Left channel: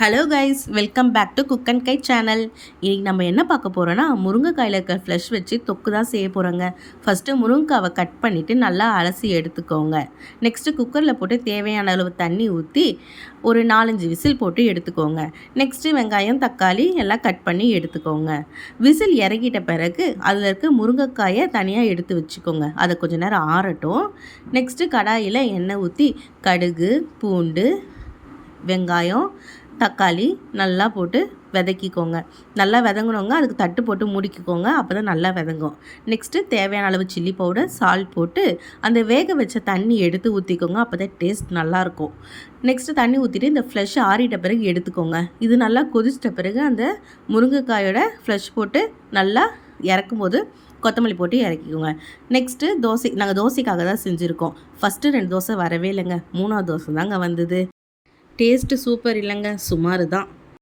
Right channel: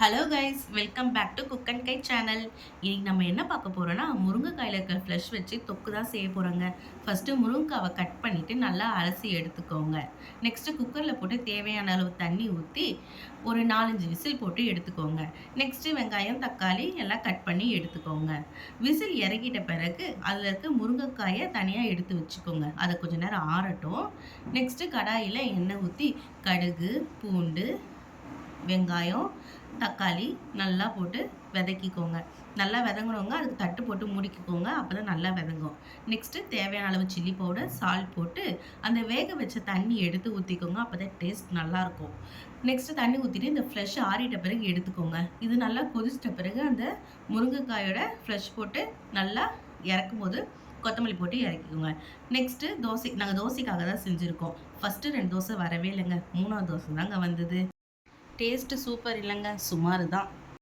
Hello guys, welcome back to cook and guide channel. இன்னைக்கு நம்ம என்ன பார்க்க போகிறோன்னா, முருங்கைக்காயில் இருக்க ஃப்ளஷ் வச்சு தொக்கு தான் செய்ய போகிறோங்க. ஃபஸ்ட்டு முருங்கைக்காவை கட் பண்ணிவிட்டு நல்லா அலசி எடுத்துக்கோங்க. நெக்ஸ்ட்டு குக்கரில் போட்டு தேவையான அளவு தண்ணி ஊற்றி ஒரு 4-5 விசில் போட்டு எடுத்துக்கோங்க. நெக்ஸ்ட்டு வெங்காயம், தக்காளி எல்லாம் கட் பண்ணி எடுத்துக்கோங்க. விசில் இறக்கிட்ட பிறகு அதில் இருக்க முருங்கைக்காயை தனியாக எடுத்து வச்சுக்கோங்க. அதை கொஞ்சம் நேரம் ஆறட்டும். நெக்ஸ்ட்டு கடாயில் எண்ணெய் ஊற்றி கடுகு, பூண்டு, வெங்காயம், தக்காளி நல்லா போட்டு வதக்கிக்கோங்க. நல்லா வதங்கினவங்க அதுக்கு தட்டு போட்டு மூடிக்கோங்க. அப்போ தான் நல்லா வதங்கும். நெக்ஸ்ட்டு தேவையான அளவு சில்லி பவுடர், சால்ட் போட்டு அந்த வேக வச்ச தண்ணி எடுத்து ஊற்றிக்கோங்க. அப்போ தான் டேஸ்ட் நல்லாயிருக்கும். நெக்ஸ்ட்டு தண்ணி ஊற்றிட்டு இந்த ஃப்ளஷ் ஆறிட்ட பிறகு எடுத்துக்கோங்க. இது நல்லா கொதிச்சிட்ட பிறகு அந்த முருங்கைக்காயோட ஃப்ளஷ் போட்டு நல்லா இறக்கும்போது கொத்தமல்லி போட்டு இறக்கிக்கோங்க. நெக்ஸ்ட்டு நாங்கள் தோசைக்காக தான் செஞ்சுருக்கோம். ஃபஸ்ட்டு 2 தோசை வரவே இல்லைங்க. 3வது தோசை தாங்க வந்தது. டேஸ்ட்டு சூப்பர் இல்லைங்க, சுமார் தான்.